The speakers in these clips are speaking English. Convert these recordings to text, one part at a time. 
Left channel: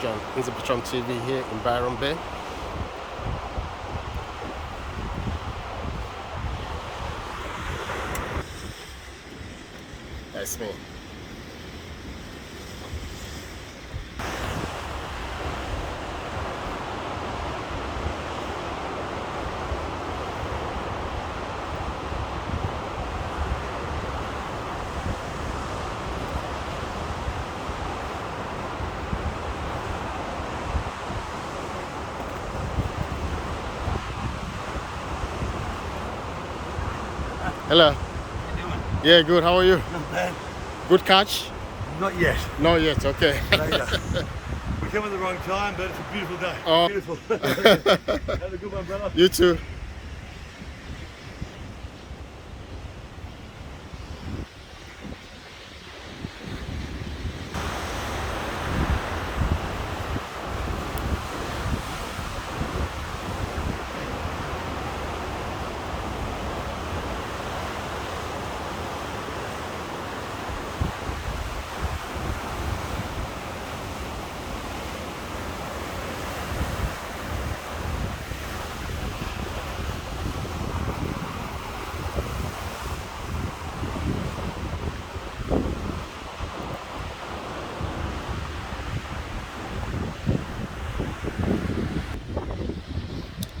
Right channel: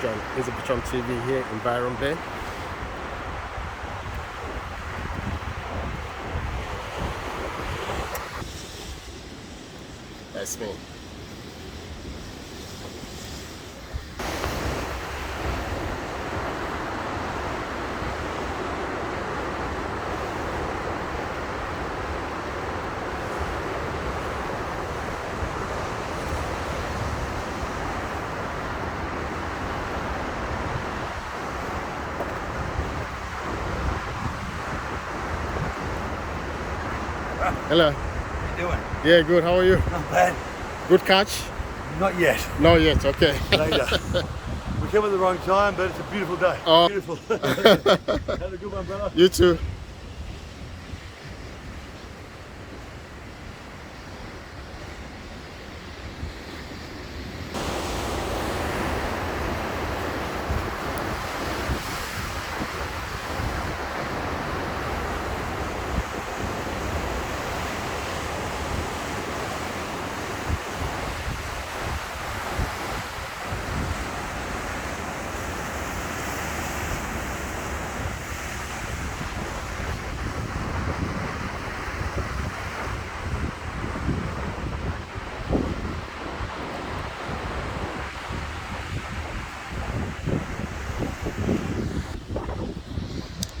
Nze-Bertram, Nze-Bertram TV here in Byron Bay. That's me. Hello. How you doing? Yeah, good. How are you? Not bad. Good catch? Not yet. Not yet. Okay. Not yet. We came at the wrong time, but it's a beautiful day. Oh. Beautiful. Have a good one, brother. You too.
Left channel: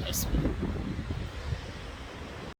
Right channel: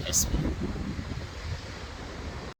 That's me.